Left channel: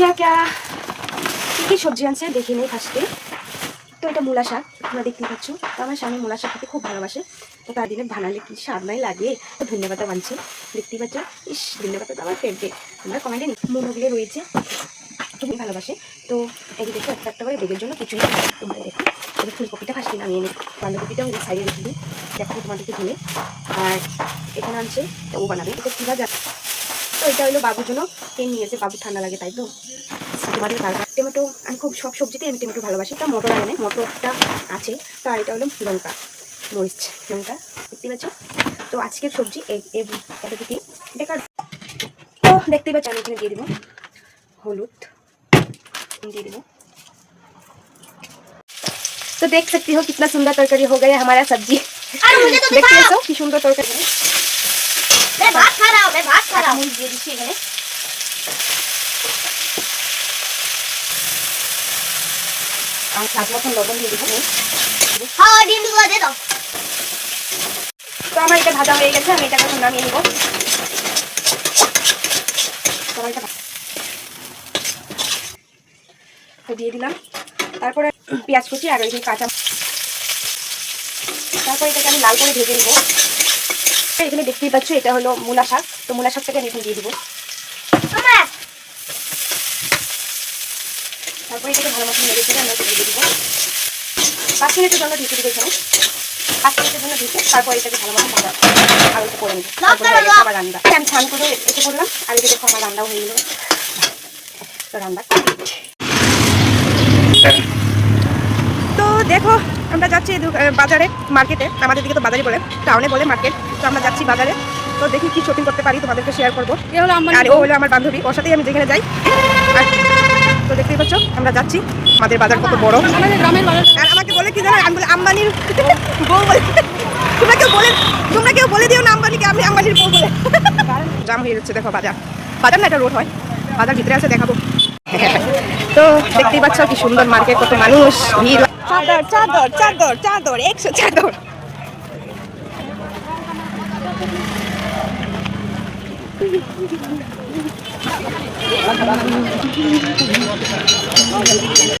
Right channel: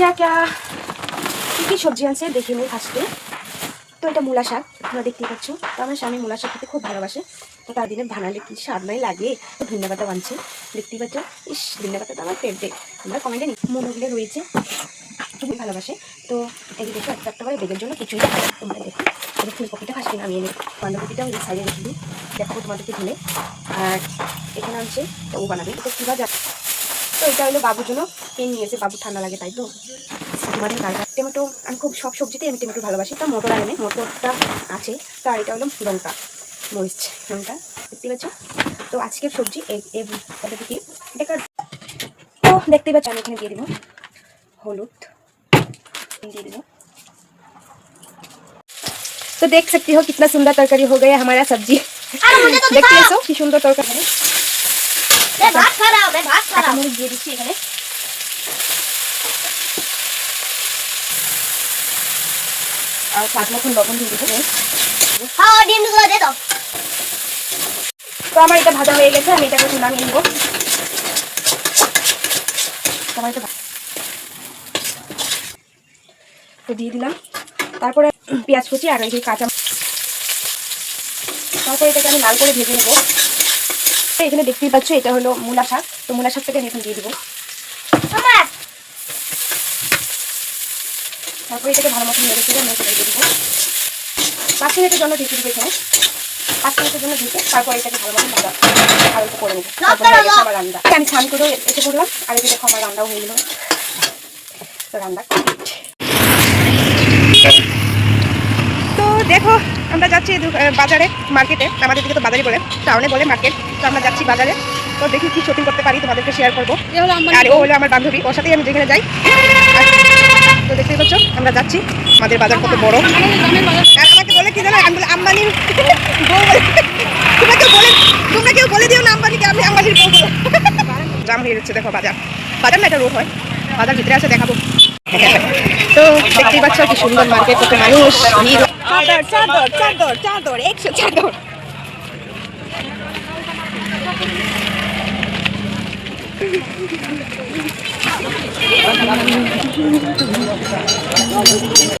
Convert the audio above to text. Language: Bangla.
क्या क्या কি সবজি আনছে দেখে নিই ফার্স্টে। তো এটা মূলা শাক, তোমরা দেখতেই পাচ্ছ। তো আমার স্বামী মূলা শাক খেতে খুব ভালোবাসে, তো তার দিনে বানালে কি স্বাদ নাই লাগে। তো ধনিয়া পাতা বানছে, দেখতেই পাচ্ছ। ইস, ধনিয়া পাতা তো আমার ফেভারিট। তোমরা কমেন্টে মোমোগুলো রয়েছে, খুবই ভালোবাসে। তো এই যে দেখো একটা একটা করে বেগের জন্য কিছুই না। তোমরা দেখো এই ফুলকপিটা ফার্স্টে নামিয়ে নিই, বাঁধাকপিটা ওই সাইডে রেখে দিই, দেখো তোমাদেরকে ধুলে। আর এখানে আনছে ও বানাবে, এটা কী ভাজা। তো এটা হলো বাবুর জন্য পেন নিয়েছে, বাবু ঠান্ডা লাগে তাই। তো তোমাদের কারবার টমেটো, আমি খুব সব সবজিতে আমি টমেটো ভালোবাসি। তা মটর আনে, মটরটা আছে। তো আর এটা হলো লঙ্কা, মরিচ, লঙ্কা, দেখতে পাচ্ছ। তো আজকের সবজি কি এটা। তো দেখতেই পাচ্ছ, আমি এখানে দিয়ে দিব হলুদ, দিয়ে দিব। तो देख सकती हो कितना सुंदर तरकारी हो गया हमारा सब्जी। देखते हो कि सुंदर तरकारी। मैं भात खा रहा हूं, দিয়ে দিচ্ছি এখানে। আর স্বাদ মতন লবণ দিয়ে দিচ্ছি। হ্যাঁ, ডিমগুলো দে দাও। তো আমার এটা ভাজা হয়ে গেছে, আমি এটাকে নামিয়ে নিব। তো দিয়ে দিলাম, তারপরে পেঁয়াজ কুচি আর এই কাঁচা, তারপর এটাকে আমি লাল করে ভেজে নেব। এখানে দেখতেই পাচ্ছ এটা হলো মূলা শাক, তো মূলা শাকটাকে আমি এখানে দিয়ে দিব। তারপর এটাকে ভালো মতো নেড়ে চেড়ে দিয়ে দিব। 5 মিনিটের জন্য ঢেকে দিব এখানে, 5 মিনিটের জন্য ঢেকে তারপর এটাকে ভালো মতো ভাজা আর একটু করে নেব। তারপর হয়ে গেছে আমার রান্না। আমি স্নান করে এসে করলাম, আর এদিকে দেখো আমার রান্নাও হয়ে গেল। তো রান্না কমপ্লিট। তো দেখো আমরা যাচ্ছি বাজারে, মার্কেটে। আমাদের দিকে তো বাজারই বলে, টাউনে বলে মার্কেট। তো আমরা যাচ্ছি বাজারে, তো দেখি কি শপিং করতে পারি, তোমাদেরকে শেয়ার করবো। আর ও হলো আমার বান্ধবী, ওর সাথেই আমি যেখানে যাই। তো দেখতেই পাচ্ছ আমরা যাচ্ছি, আমাদের বাজার কত বড়। আর আমাকে বলে কি জানো, আমি বলে আম্বানির বউ বলে। তোমরা কেউ বলে দিও না আম্বানিকে আমি আম্বানির বউ বলে। জাম হয়ে যাচ্ছে, দেখো বাজার, বাজার না এটা রোড হয়, বাজার ভিতরে আছে দেখাবো। তো দেখতেই পাচ্ছ কি সুন্দর মার্কেট, কত মানুষ, ভিড়। চাদর চাদর চাদর চাদর 100 চাদর।